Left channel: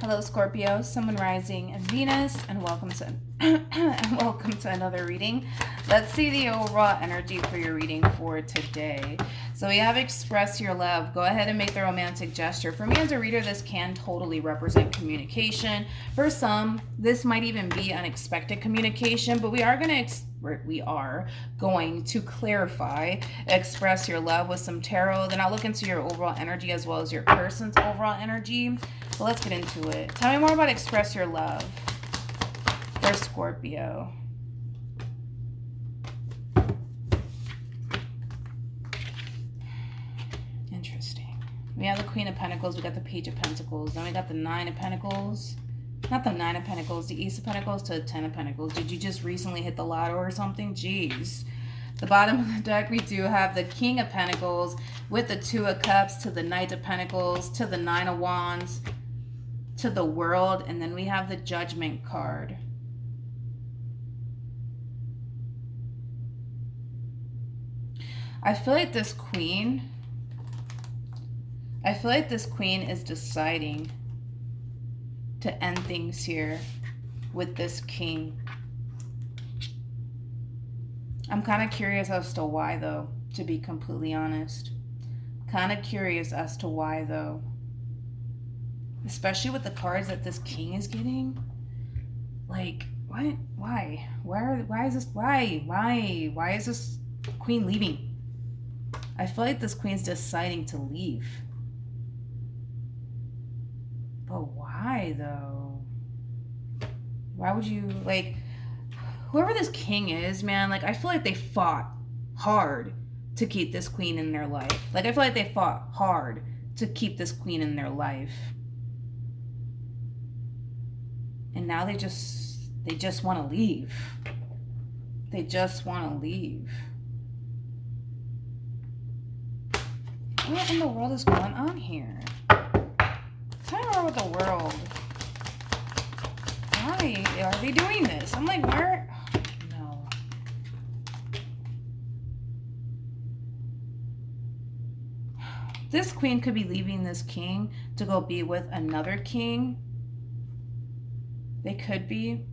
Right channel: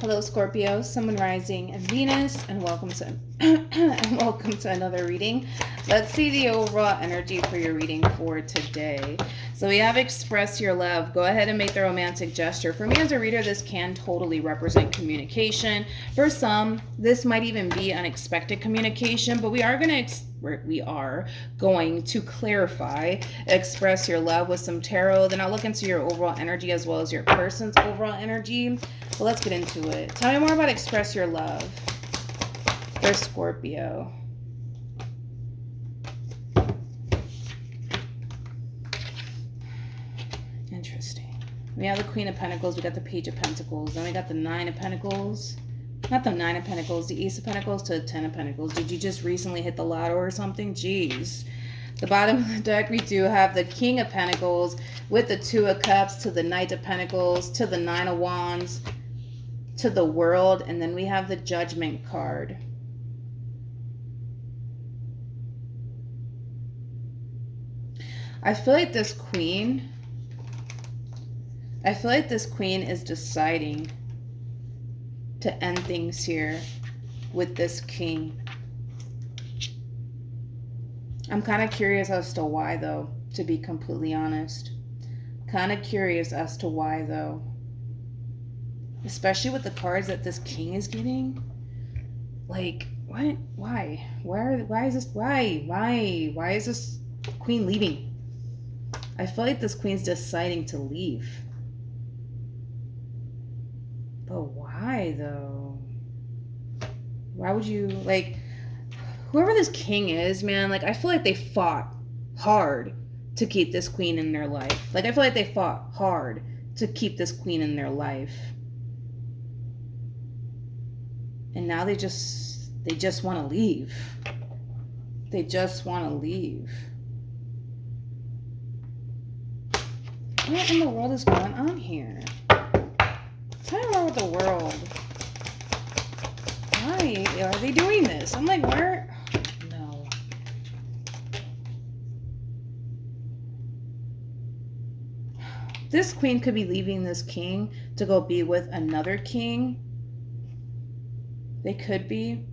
Hello, Scorpio, Sun, Moon, Rising, and Venus, and welcome to and welcome to another reading. Let's see the overall energy for your reading for today. So we have express your love. Go ahead and make the romantic gesture. For me as a reader, this can totally represent communication. For some, this might even be unexpected communication, but we are going to clarify, express your love with some tarot. Then I'll look into your overall energy as well as your person's overall energy. So let's get into it. Tell me more about express your love for Scorpio. Interesting. We have the Queen of Pentacles. We got the Page of Pentacles. Then we got the Nine of Pentacles. Not the Nine of Pentacles. The Ace of Pentacles to the Ten of Pentacles. Did you just recently hit the lotto or something? Jeez. The bottom of the deck, we do have the King of Pentacles with the Two of Cups to the Knight of Pentacles to the Nine of Wands to the World, and then we have the Judgment card. I feel like this queen is deciding to end things here with this king. I'm kind of curious as to why, though, to be completely honest. Kind of curious as to why, though. Especially with the cards that this king is getting. Like, what? Why? Why is this? Why is this queen leaving? I feel like this queen's deciding to leave. But why, though? Why would you, like, whoever this king is, man, like, I feel like they fought hard to keep this queen in their life. Like, I feel like they fought hard to keep this queen in their life. And now they just want to leave. They just want to leave. What in the world is going on here? What's going on with the world? Why are they doing this? I'm like, where? No. This queen could be leaving this king to go be with another king. They could be.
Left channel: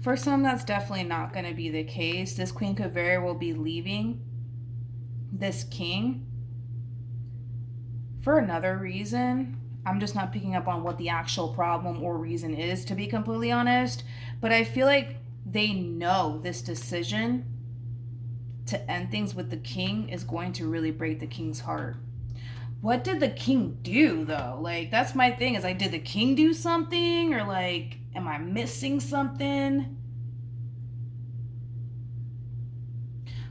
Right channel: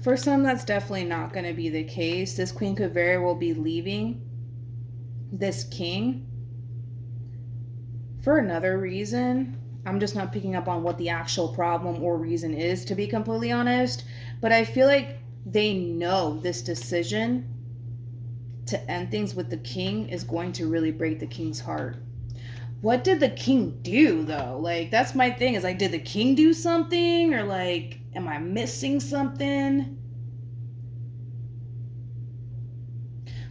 For some, that's definitely not going to be the case. This queen could very well be leaving this king for another reason. I'm just not picking up on what the actual problem or reason is, to be completely honest. But I feel like they know this decision to end things with the king is going to really break the king's heart. What did the king do, though? Like, that's my thing, is like, did the king do something? Or like, am I missing something?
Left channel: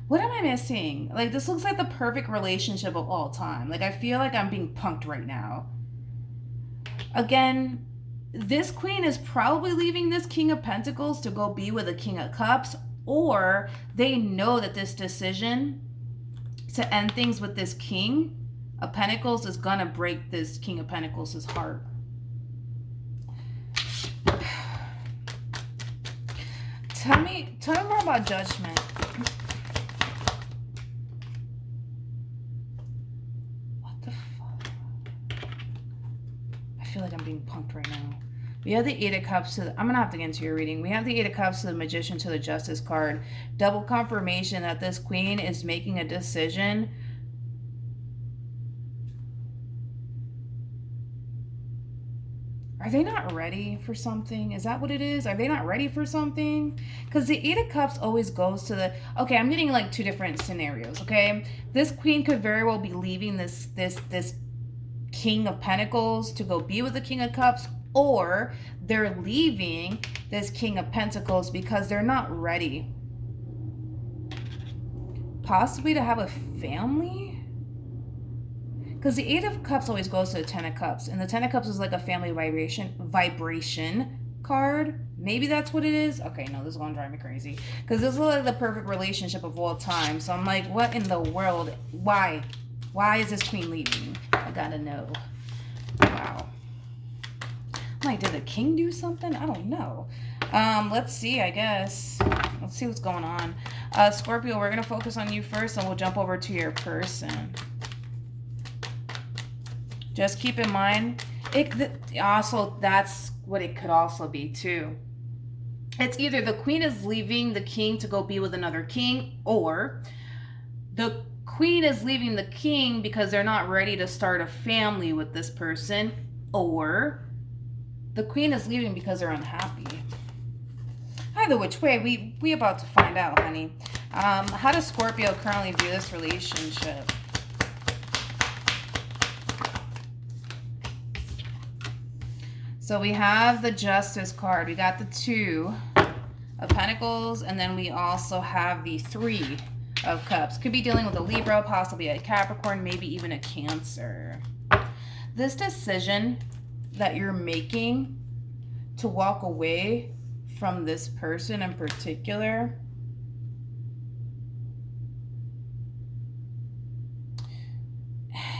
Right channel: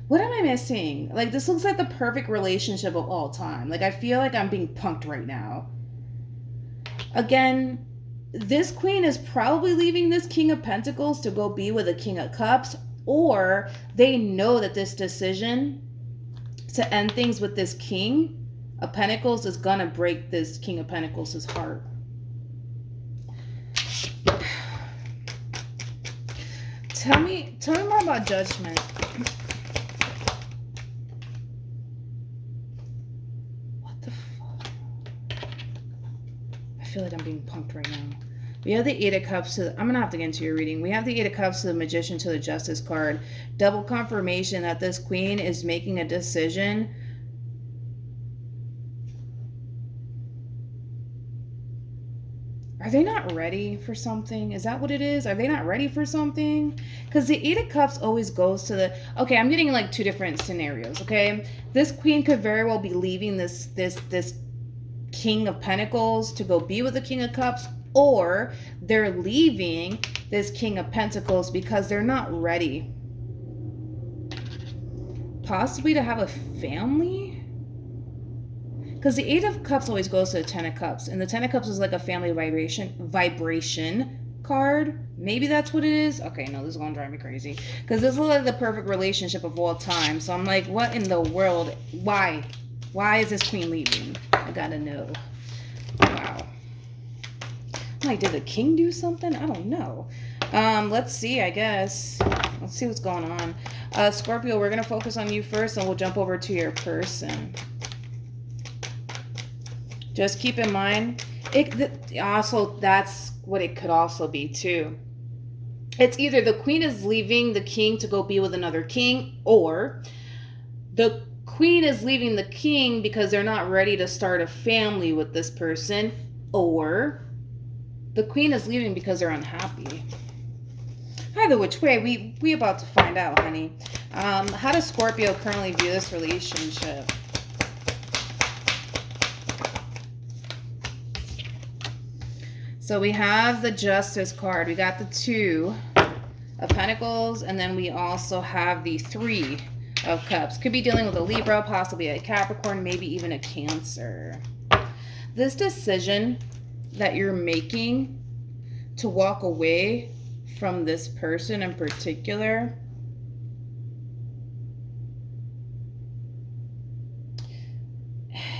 What am I missing? Like, this looks like the perfect relationship of all time. Like, I feel like I'm being punked right now. Again, this queen is probably leaving this King of Pentacles to go be with a King of Cups, or they know that this decision to end things with this King of Pentacles is gonna break this King of Pentacles' heart. Tell me more about Judgment. What the fuck? I feel like I'm being pumped right now. We have the Eight of Cups to I'm gonna have to get into your reading. We have the Eight of Cups to the Magician to the Justice card. Double confirmation that this queen is making a decision. Are they not ready for something? Is that what it is? Are they not ready for something? Because the Eight of Cups always goes to the... Okay, I'm getting like two different scenarios, okay? This queen could very well be leaving this King of Pentacles to go be with the King of Cups, or they're leaving this King of Pentacles because they're not ready. Possibly to have a family? Because the Eight of Cups always goes to the Ten of Cups. And the Ten of Cups is like a family vibration card. Maybe that's what it is. Okay, no, this is going to drive me crazy. Because this is like the perfect relationship of all time. So I'm like, what in the world? Why? Why is this queen leaving? I gotta know. Wow. Like, did the king do something? I don't know. Let's see, I guess. Let's see what's going on. Scorpio, we're going to focus on you first, and we'll jump over to your person. Just keep in mind, also that's what it could also be too. It's either the queen is leaving the king to go be with another king, or the queen is leaving the king because they're not ready to start a family with this person, or the queen is leaving because they're unhappy. Either which way, we about to find out, honey. How does Scorpio currently view this relationship? So we have the Justice card. We got the 2 of Pentacles, and then we also have the 3 of Cups. Could be dealing with a Libra, possibly a Capricorn, maybe even a Cancer. This decision that you're making to walk away from this person in particular,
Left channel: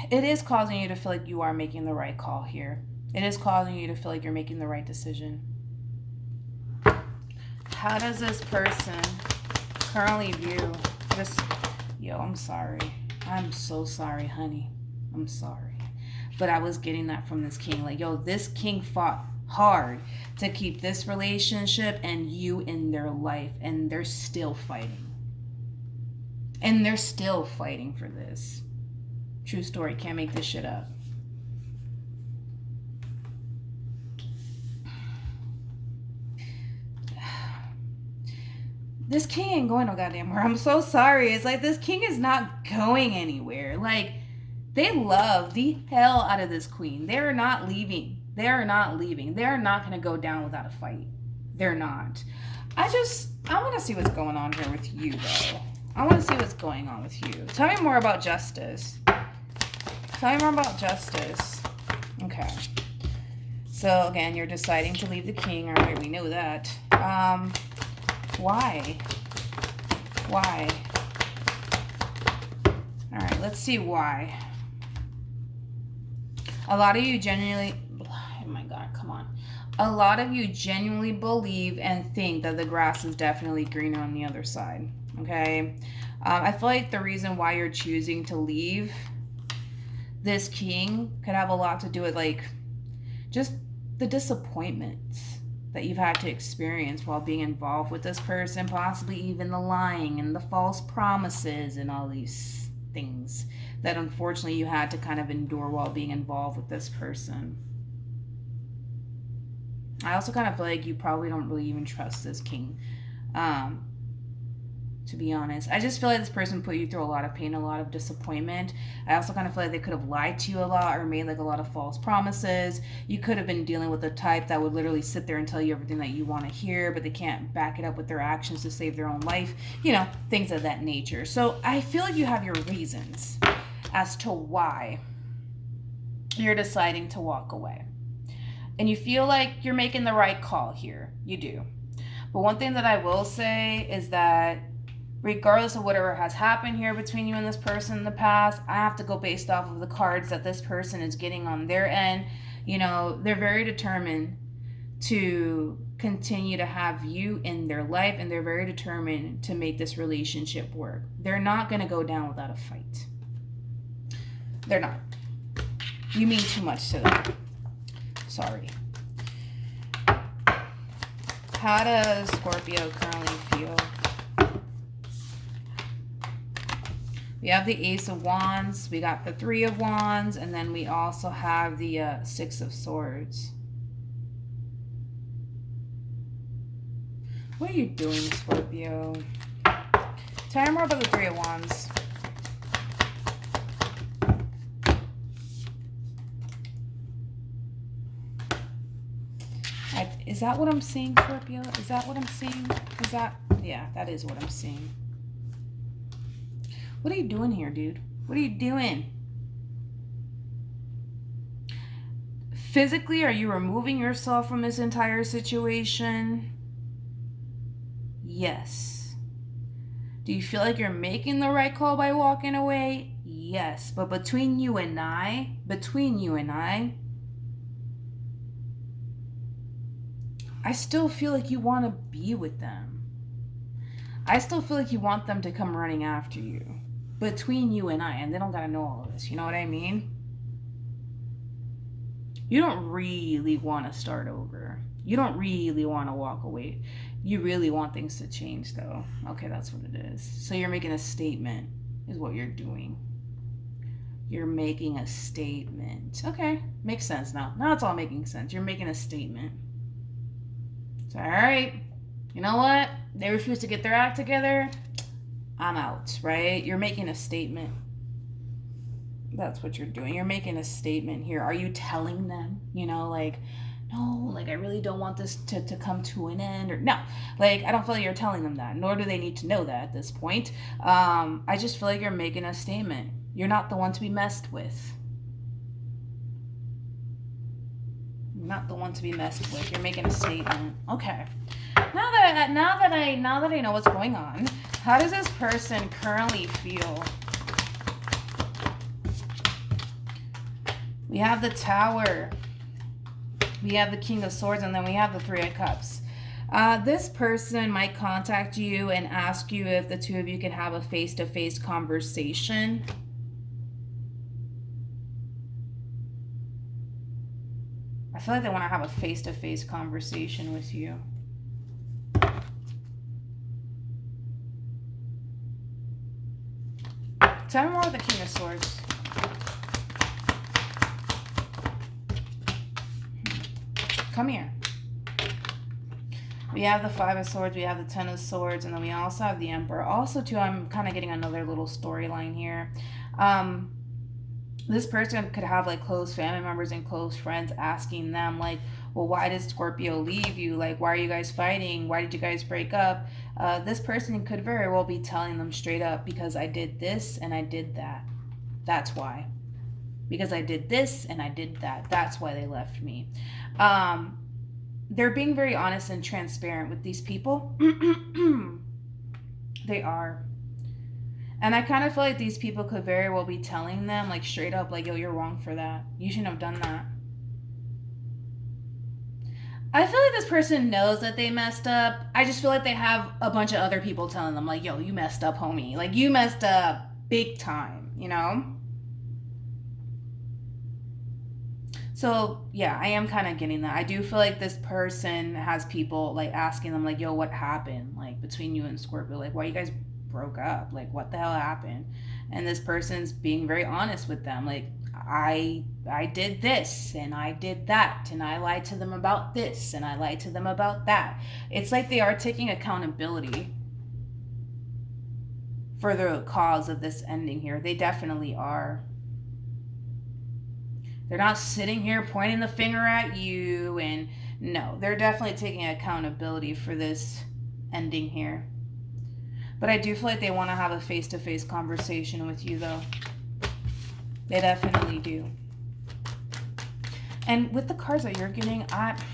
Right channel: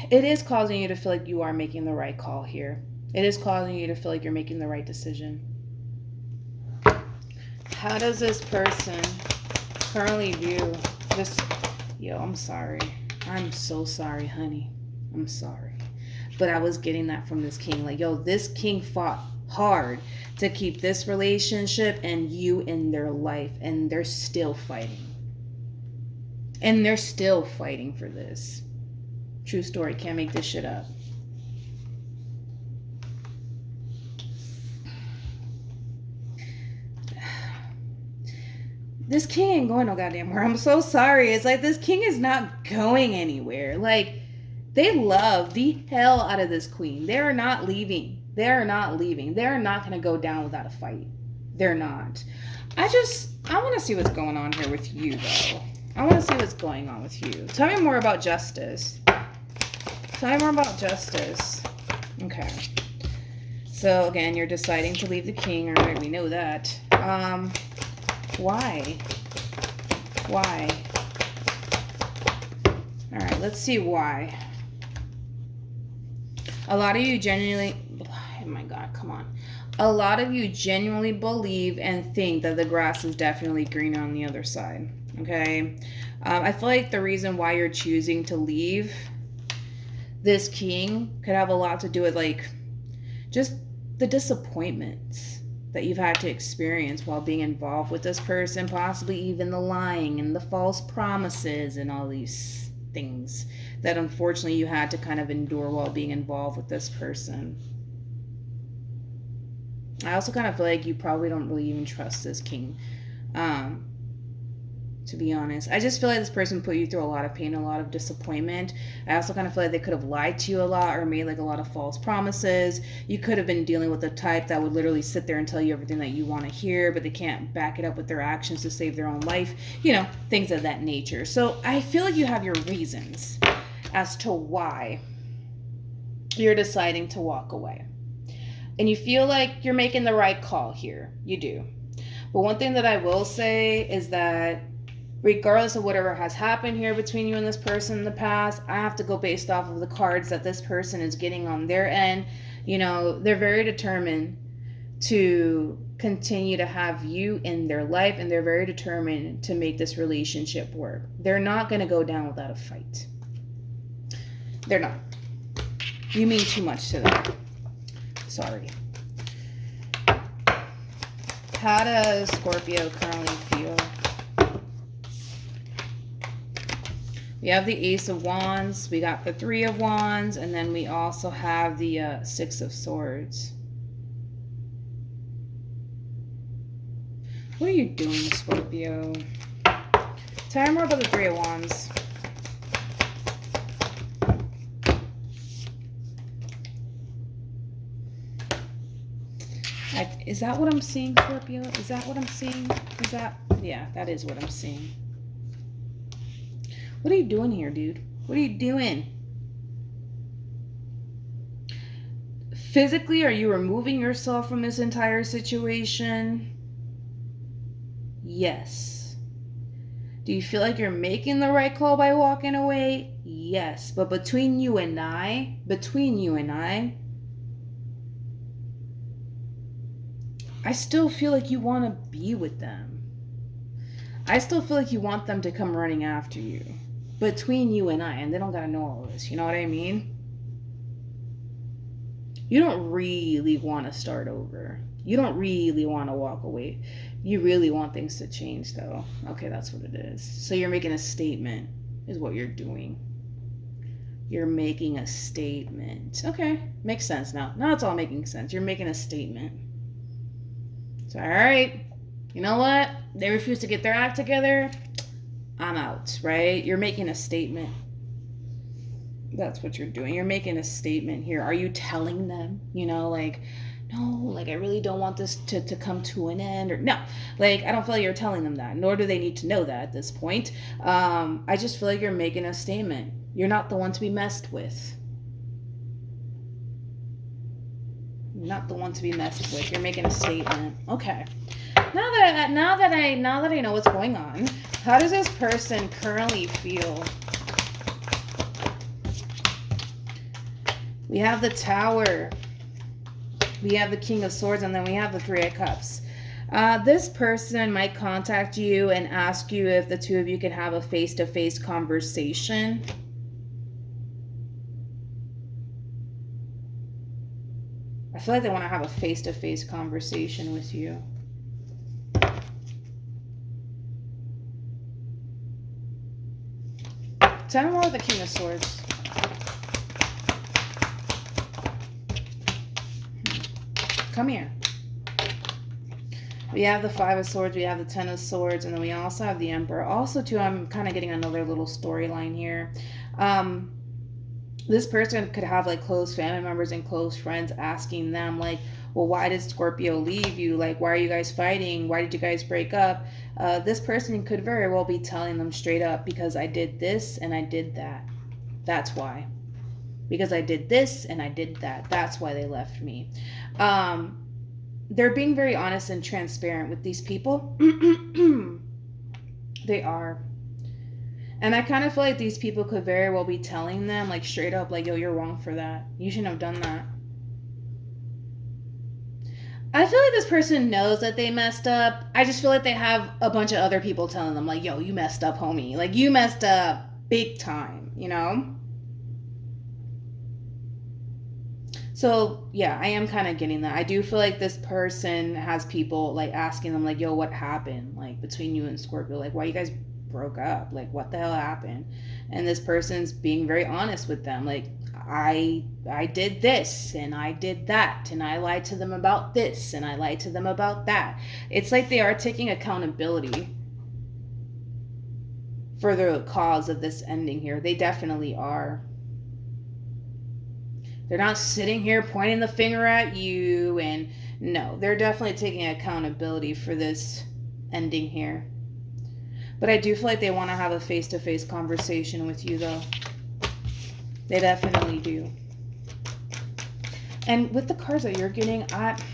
it is causing you to feel like you are making the right call here. It is causing you to feel like you're making the right decision. How does this person currently view this? Yo, I'm sorry. I'm so sorry, honey. I'm sorry. But I was getting that from this king. Like, yo, this king fought hard to keep this relationship and you in their life. And they're still fighting. And they're still fighting for this. True story. Can't make this shit up. This king ain't going no goddamn where. I'm so sorry. It's like this king is not going anywhere. Like, they love the hell out of this queen. They're not leaving. They're not leaving. They're not going to go down without a fight. They're not. I want to see what's going on here with you, though. I want to see what's going on with you. Tell me more about Justice. Tell me more about Justice. Okay. So, again, you're deciding to leave the king. Or we knew that. Why? Why? All right, let's see why. A lot of you genuinely, oh my God, come on. A lot of you genuinely believe and think that the grass is definitely greener on the other side, okay? I feel like the reason why you're choosing to leave this king could have a lot to do with, like, just the disappointments that you've had to experience while being involved with this person, possibly even the lying and the false promises and all these things that unfortunately you had to kind of endure while being involved with this person. I also kind of feel like you probably don't really even trust this king, to be honest. I just feel like this person put you through a lot of pain, a lot of disappointment. I also kind of feel like they could have lied to you a lot or made like a lot of false promises. You could have been dealing with a type that would literally sit there and tell you everything that you want to hear, but they can't back it up with their actions to save their own life. You know, things of that nature. So I feel like you have your reasons as to why you're deciding to walk away. And you feel like you're making the right call here. You do. But one thing that I will say is that regardless of whatever has happened here between you and this person in the past, I have to go based off of the cards that this person is getting on their end. You know, they're very determined to continue to have you in their life, and they're very determined to make this relationship work. They're not going to go down without a fight. They're not. You mean too much to them. Sorry. How does Scorpio currently feel? We have the Ace of Wands, we got the 3 of Wands, and then we also have the 6 of Swords. What are you doing, Scorpio? Tell me more about the 3 of Wands. Is that what I'm seeing, Scorpio? Is that what I'm seeing? Is that... Yeah, that is what I'm seeing. What are you doing here, dude? What are you doing? Physically, are you removing yourself from this entire situation? Yes. Do you feel like you're making the right call by walking away? Yes. But between you and I, I still feel like you want to be with them. I still feel like you want them to come running after you. Between you and I, and they don't gotta know all of this, you know what I mean? You don't really want to start over. You don't really want to walk away. You really want things to change, though. Okay, that's what it is. So you're making a statement, is what you're doing. You're making a statement. Okay, makes sense now. Now it's all making sense. You're making a statement. So, all right, you know what? They refuse to get their act together. I'm out, right? You're making a statement. That's what you're doing. You're making a statement here. Are you telling them, like, no, like, I really don't want this to come to an end? Or no, like, I don't feel like you're telling them that, nor do they need to know that at this point. I just feel like you're making a statement. You're not the one to be messed with. You're not the one to be messed with. You're making a statement. Okay. Now that I know what's going on, how does this person currently feel? We have the Tower. We have the King of Swords, and then we have the Three of Cups. This person might contact you and ask you if the two of you can have a face-to-face conversation. I feel like they want to have a face-to-face conversation with you. Tell me more about the King of Swords. Come here. We have the Five of Swords, we have the Ten of Swords, and then we also have the Emperor. Also, too, I'm kind of getting another little storyline here. This person could have, like, close family members and close friends asking them, like, well, why did Scorpio leave you? Like, why are you guys fighting? Why did you guys break up? This person could very well be telling them straight up, because I did this and I did that. That's why. Because I did this and I did that. That's why they left me. They're being very honest and transparent with these people. They are. And I kind of feel like these people could very well be telling them, like, straight up, like, yo, you're wrong for that. You shouldn't have done that. I feel like this person knows that they messed up. I just feel like they have a bunch of other people telling them, like, yo, you messed up, homie. Like, you messed up big time, So, yeah, I am kind of getting that. I do feel like this person has people, like, asking them, like, yo, what happened, like, between you and Scorpio? Like, why you guys broke up? Like, what the hell happened? And this person's being very honest with them. Like, I did this, and I did that, and I lied to them about this, and I lied to them about that. It's like they are taking accountability for the cause of this ending here. They definitely are. They're not sitting here pointing the finger at you, and no, they're definitely taking accountability for this ending here. But I do feel like they want to have a face-to-face conversation with you, though. They definitely do. And with the cards that you're getting,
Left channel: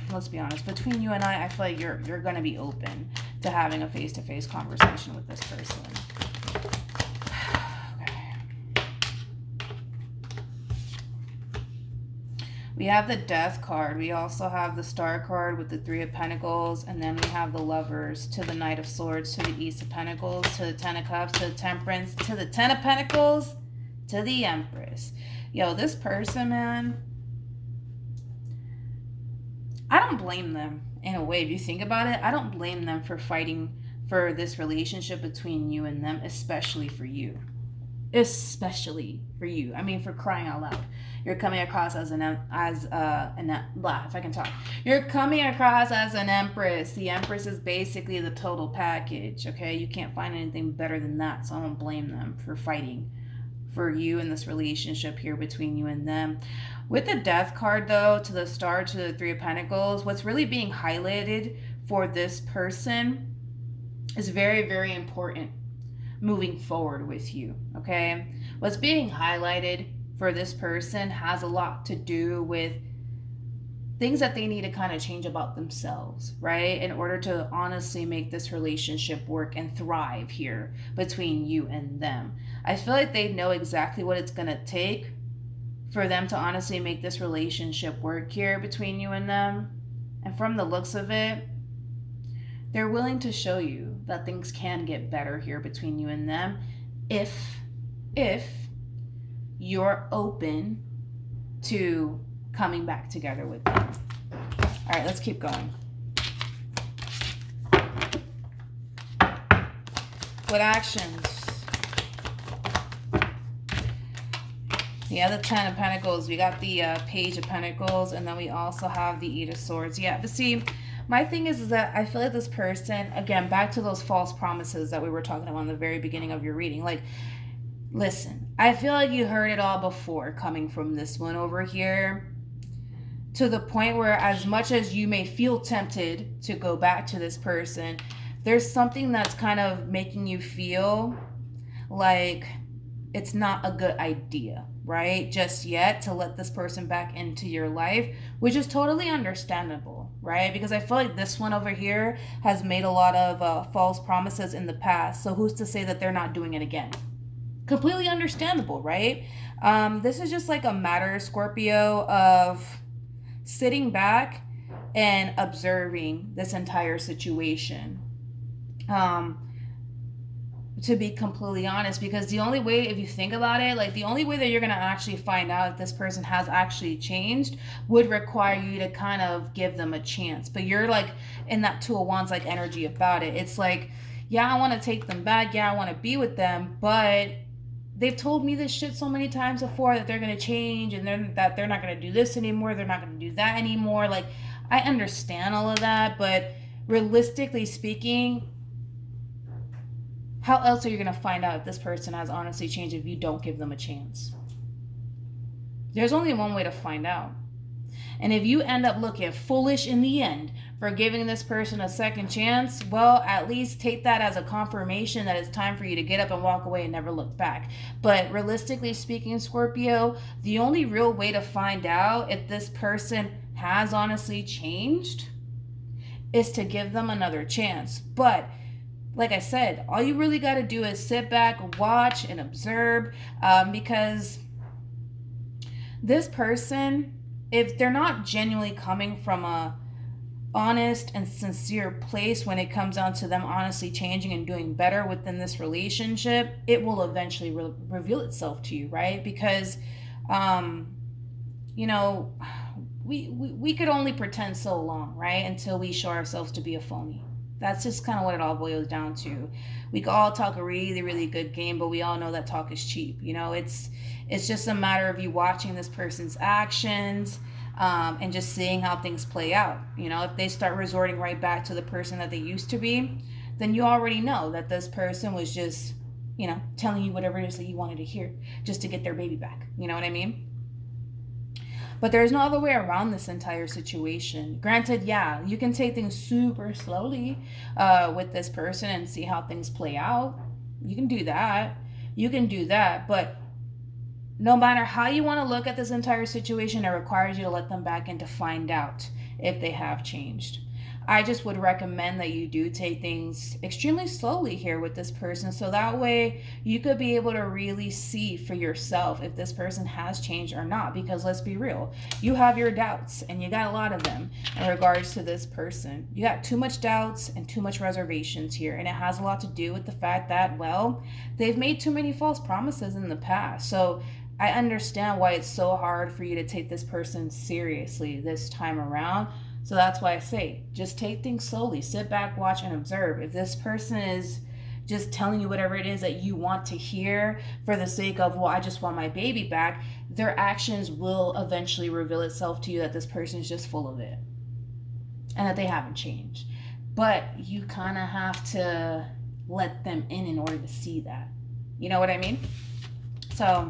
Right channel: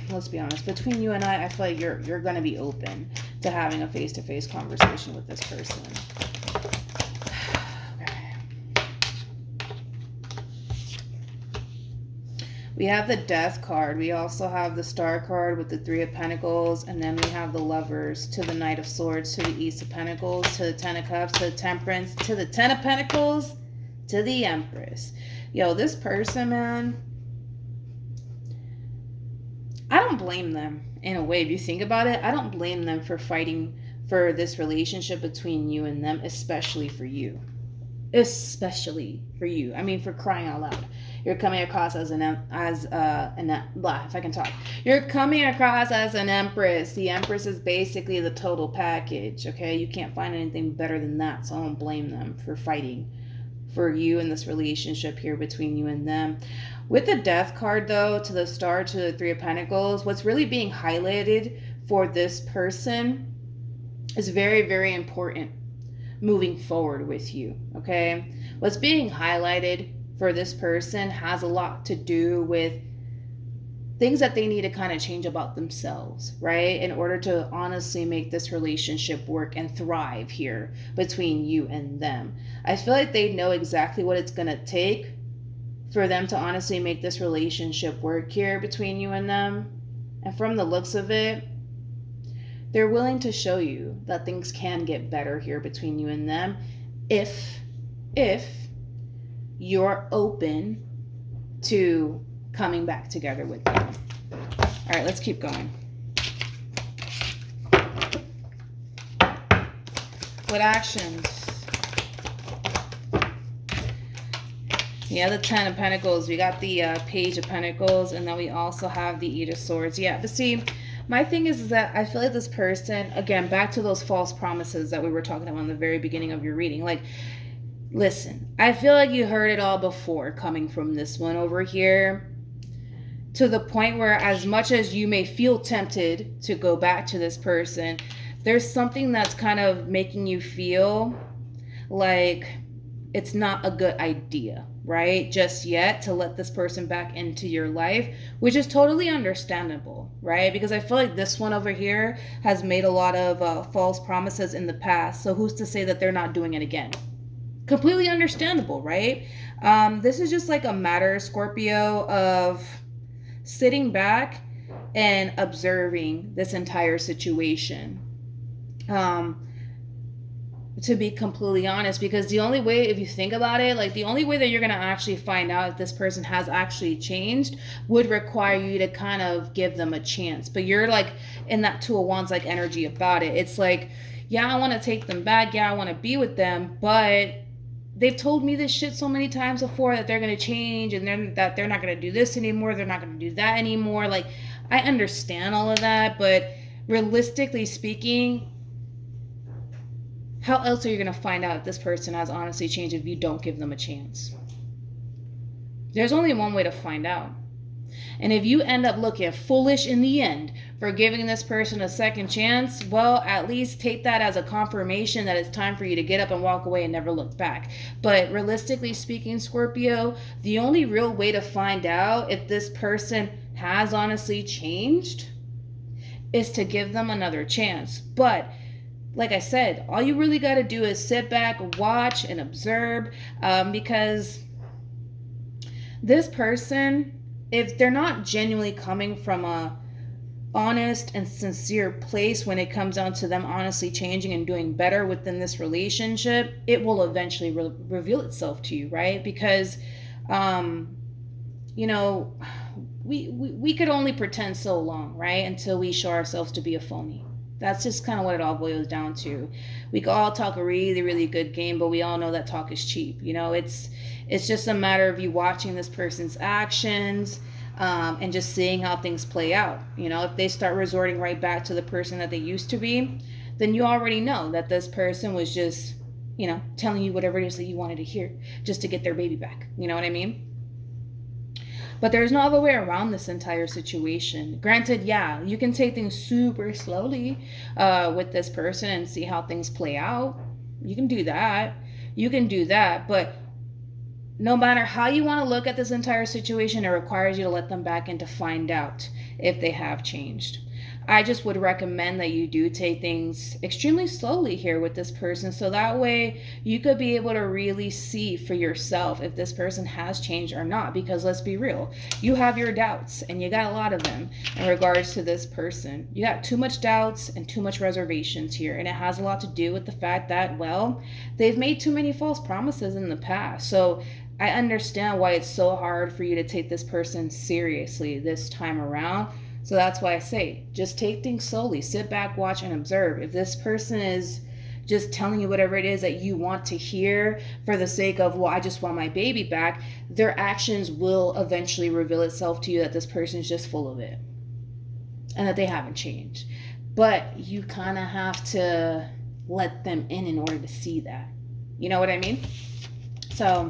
let's be honest, between you and I feel like you're going to be open to having a face-to-face conversation with this person. We have the Death card. We also have the Star card with the Three of Pentacles. And then we have the Lovers, to the Knight of Swords, to the Ace of Pentacles, to the Ten of Cups, to the Temperance, to the Ten of Pentacles, to the Empress. Yo, this person, man, I don't blame them in a way. If you think about it, I don't blame them for fighting for this relationship between you and them, especially for you. Especially for you. I mean, for crying out loud. You're coming across as You're coming across as an empress. The empress is basically the total package, okay? You can't find anything better than that, so I don't blame them for fighting for you in this relationship here between you and them. With the Death card, though, to the Star, to the Three of Pentacles, what's really being highlighted for this person is very, very important moving forward with you, okay? What's being highlighted for this person has a lot to do with things that they need to kind of change about themselves, right? In order to honestly make this relationship work and thrive here between you and them. I feel like they know exactly what it's going to take for them to honestly make this relationship work here between you and them. And from the looks of it, they're willing to show you that things can get better here between you and them if you're open to coming back together with you. All right, let's keep going. What actions? Yeah, the Ten of Pentacles. We got the Page of Pentacles, and then we also have the Eight of Swords. Yeah, but see, my thing is that I feel like this person, again, back to those false promises that we were talking about in the very beginning of your reading. Like, listen, I feel like you heard it all before coming from this one over here, to the point where as much as you may feel tempted to go back to this person, there's something that's kind of making you feel like it's not a good idea, right? Just yet to let this person back into your life, which is totally understandable, right? Because I feel like this one over here has made a lot of false promises in the past. So who's to say that they're not doing it again? Completely understandable, right? This is just like a matter, Scorpio, of sitting back and observing this entire situation. To be completely honest, because the only way, if you think about it, like the only way that you're going to actually find out if this person has actually changed would require you to kind of give them a chance. But you're like in that Two of Wands like energy about it. It's like, yeah, I want to take them back. Yeah, I want to be with them, but they've told me this shit so many times before that they're going to change, and that they're not going to do this anymore. They're not going to do that anymore. Like, I understand all of that, but realistically speaking, how else are you going to find out if this person has honestly changed if you don't give them a chance? There's only one way to find out. And if you end up looking foolish in the end for giving this person a second chance, well, at least take that as a confirmation that it's time for you to get up and walk away and never look back. But realistically speaking, Scorpio, the only real way to find out if this person has honestly changed is to give them another chance. But like I said, all you really got to do is sit back, watch, and observe, because this person, if they're not genuinely coming from a honest and sincere place when it comes down to them honestly changing and doing better within this relationship, it will eventually reveal itself to you, right? Because, you know, we could only pretend so long, right? Until we show ourselves to be a phony. That's just kind of what it all boils down to. We can all talk a really, really good game, but we all know that talk is cheap. You know, it's just a matter of you watching this person's actions, and just seeing how things play out. You know, if they start resorting right back to the person that they used to be, then you already know that this person was just, you know, telling you whatever it is that you wanted to hear just to get their baby back. You know what I mean? But there's no other way around this entire situation. Granted, yeah, you can take things super slowly with this person and see how things play out. You can do that. But no matter how you want to look at this entire situation, it requires you to let them back in to find out if they have changed. I just would recommend that you do take things extremely slowly here with this person, so that way you could be able to really see for yourself if this person has changed or not. Because let's be real, you have your doubts, and you got a lot of them in regards to this person. You got too much doubts and too much reservations here, and it has a lot to do with the fact that, well, they've made too many false promises in the past. So I understand why it's so hard for you to take this person seriously this time around. So that's why I say, just take things slowly. Sit back, watch, and observe. If this person is just telling you whatever it is that you want to hear for the sake of, well, I just want my baby back, their actions will eventually reveal itself to you that this person is just full of it and that they haven't changed. But you kind of have to let them in order to see that. You know what I mean? So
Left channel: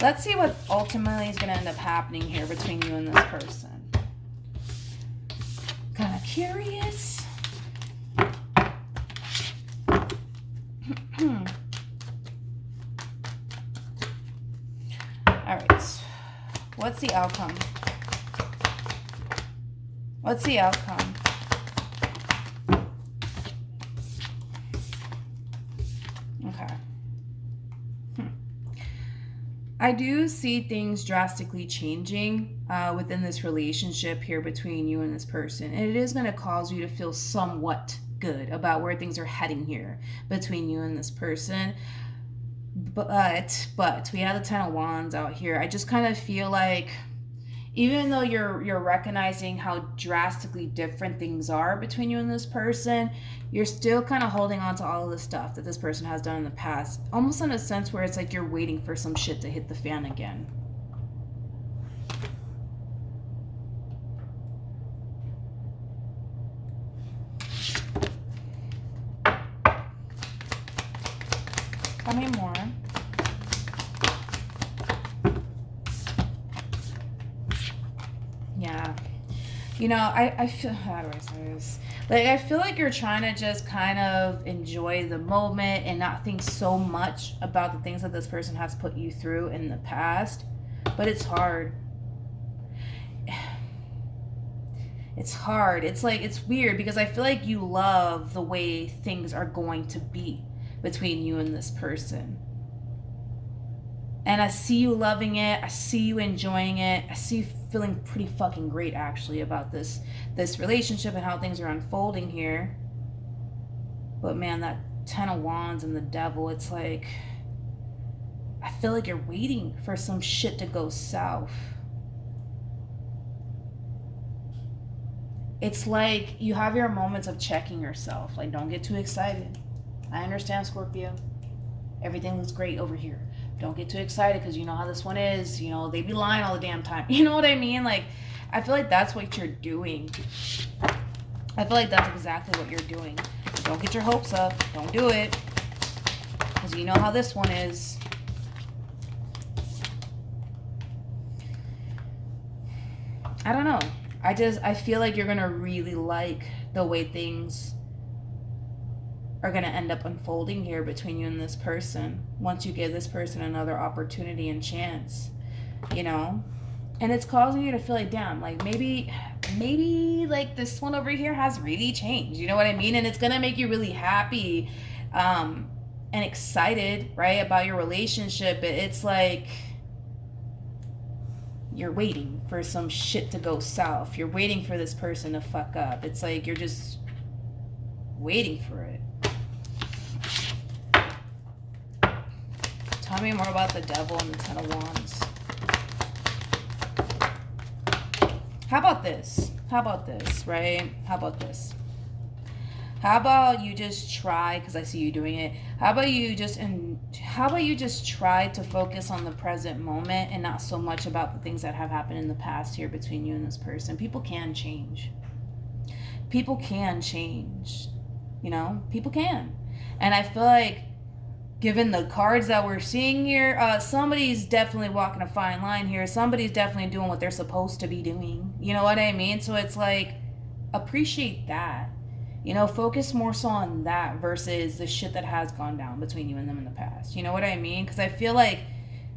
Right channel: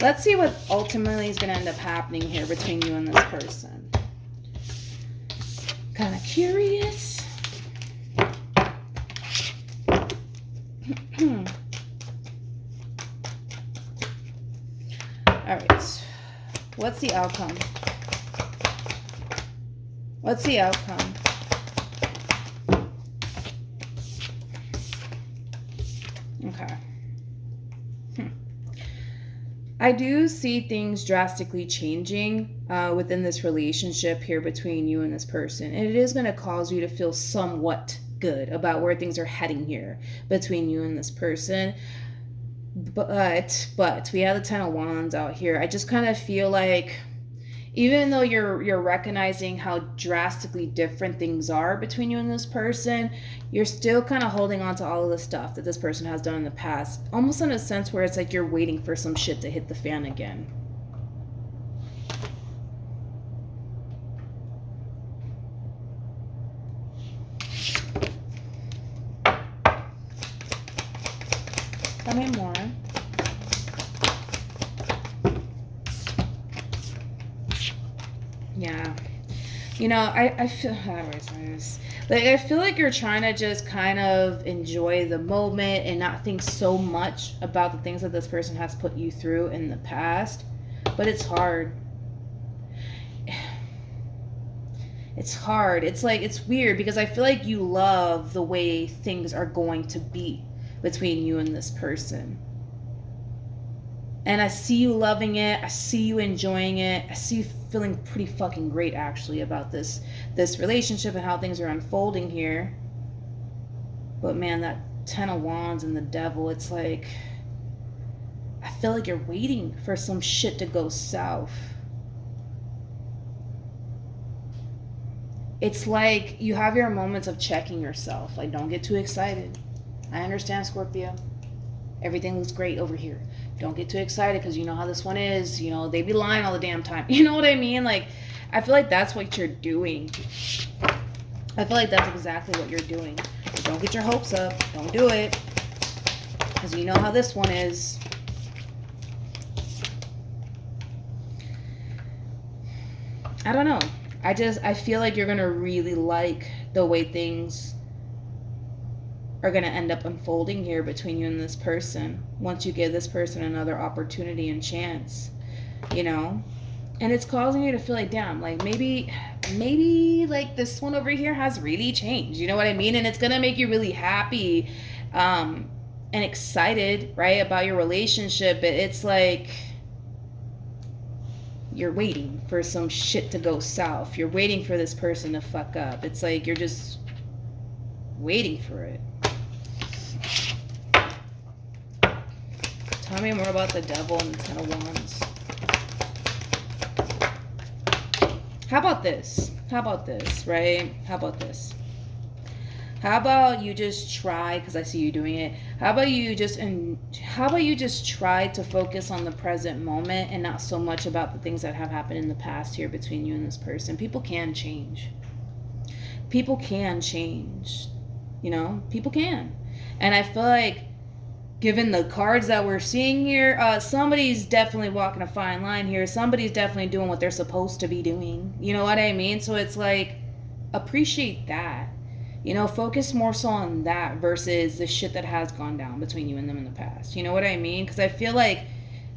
let's see what ultimately is going to end up happening here between you and this person. Kind of curious. All right. What's the outcome? What's the outcome? Okay. I do see things drastically changing within this relationship here between you and this person. And it is going to cause you to feel somewhat good about where things are heading here between you and this person. But we have the Ten of Wands out here. I just kind of feel like even though you're recognizing how drastically different things are between you and this person, you're still kind of holding on to all of the stuff that this person has done in the past, almost in a sense where it's like you're waiting for some shit to hit the fan again. Tell me more. Yeah. You know, I feel, how do I say this? Like, I feel like you're trying to just kind of enjoy the moment and not think so much about the things that this person has put you through in the past. But it's hard. It's hard. It's like, it's weird because I feel like you love the way things are going to be between you and this person. And I see you loving it. I see you enjoying it. I see you feeling pretty fucking great actually about this relationship and how things are unfolding here. But man, that 10 of Wands and the Devil, it's like, I feel like you're waiting for some shit to go south. It's like you have your moments of checking yourself. Like, don't get too excited. I understand, Scorpio. Everything looks great over here. Don't get too excited because you know how this one is. You know, they be lying all the damn time. You know what I mean? Like, I feel like that's what you're doing. I feel like that's exactly what you're doing. Don't get your hopes up. Don't do it. Because you know how this one is. I don't know. I feel like you're going to really like the way things are going to end up unfolding here between you and this person once you give this person another opportunity and chance, you know? And it's causing you to feel like, damn, like maybe like this one over here has really changed, you know what I mean? And it's going to make you really happy and excited, right, about your relationship. But it's like you're waiting for some shit to go south. You're waiting for this person to fuck up. It's like you're just waiting for it. Tell me more about the Devil and the 10 of Wands. How about this? How about this, right? How about this? How about you just try, because I see you doing it. How about you just try to focus on the present moment and not so much about the things that have happened in the past here between you and this person. People can change. People can change. You know, people can. And I feel like given the cards that we're seeing here, somebody's definitely walking a fine line here. Somebody's definitely doing what they're supposed to be doing. You know what I mean? So it's like, appreciate that. You know, focus more so on that versus the shit that has gone down between you and them in the past. You know what I mean? Because I feel like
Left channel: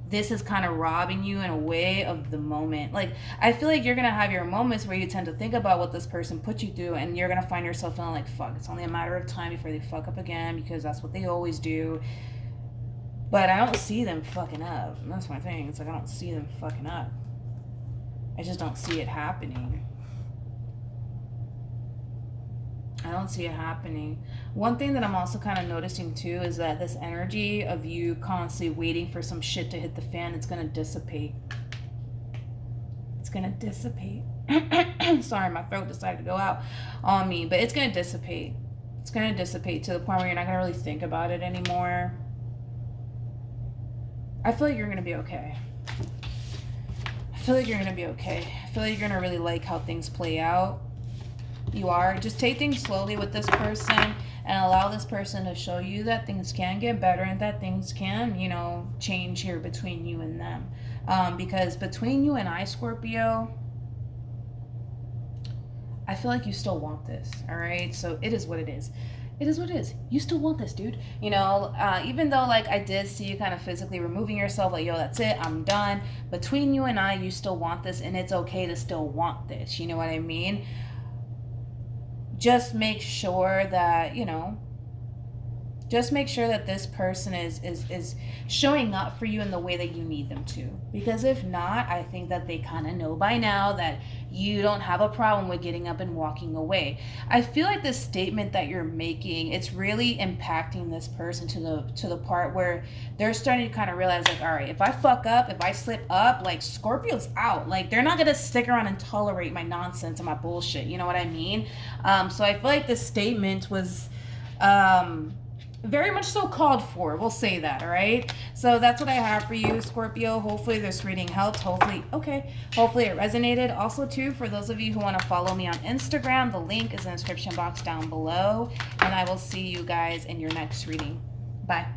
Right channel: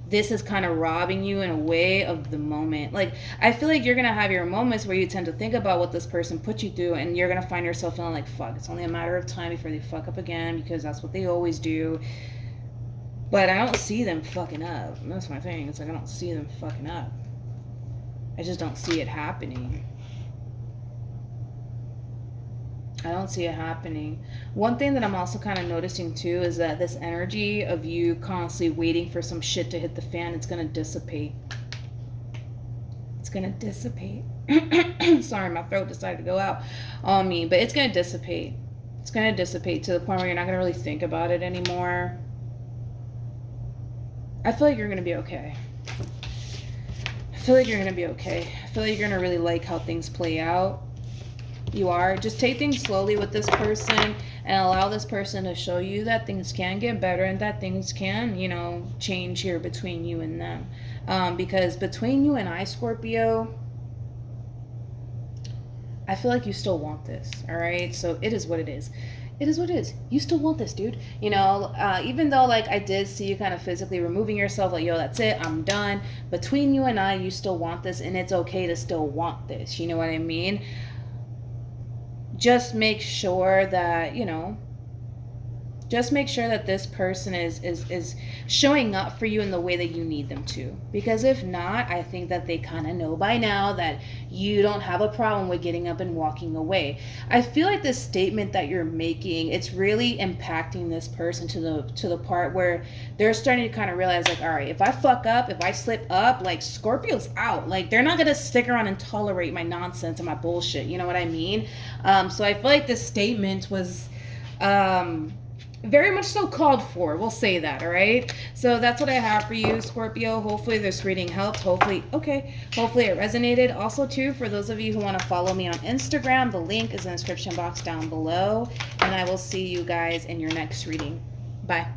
this is kind of robbing you in a way of the moment. Like, I feel like you're going to have your moments where you tend to think about what this person put you through, and you're going to find yourself feeling like, fuck, it's only a matter of time before they fuck up again, because that's what they always do. But I don't see them fucking up. And that's my thing. It's like, I don't see them fucking up. I just don't see it happening. I don't see it happening. One thing that I'm also kind of noticing too is that this energy of you constantly waiting for some shit to hit the fan, it's going to dissipate. It's going to dissipate. Sorry, my throat decided to go out on me, but it's going to dissipate. It's going to dissipate to the point where you're not going to really think about it anymore. I feel like you're going to be okay. I feel like you're going to be okay. I feel like you're going to really like how things play out. You are. Just take things slowly with this person and allow this person to show you that things can get better and that things can, you know, change here between you and them. Because between you and I, Scorpio, I feel like you still want this, all right? So it is what it is. It is what it is. You still want this, dude. You know, even though, like, I did see you kind of physically removing yourself, like, yo, that's it, I'm done. Between you and I, you still want this, and it's okay to still want this. You know what I mean? Just make sure that, you know, just make sure that this person is showing up for you in the way that you need them to. Because if not, I think that they kind of know by now that you don't have a problem with getting up and walking away. I feel like this statement that you're making, it's really impacting this person to the part where they're starting to kind of realize, like, all right, if I fuck up, if I slip up, like, Scorpio's out. Like, they're not gonna stick around and tolerate my nonsense and my bullshit. You know what I mean? So I feel like this statement was very much so called for. We'll say that, all right? So that's what I have for you, Scorpio. Hopefully this reading helped. Hopefully it resonated. Also, too, for those of you who want to follow me on Instagram, the link is in the description box down below. And I will see you guys in your next reading. Bye.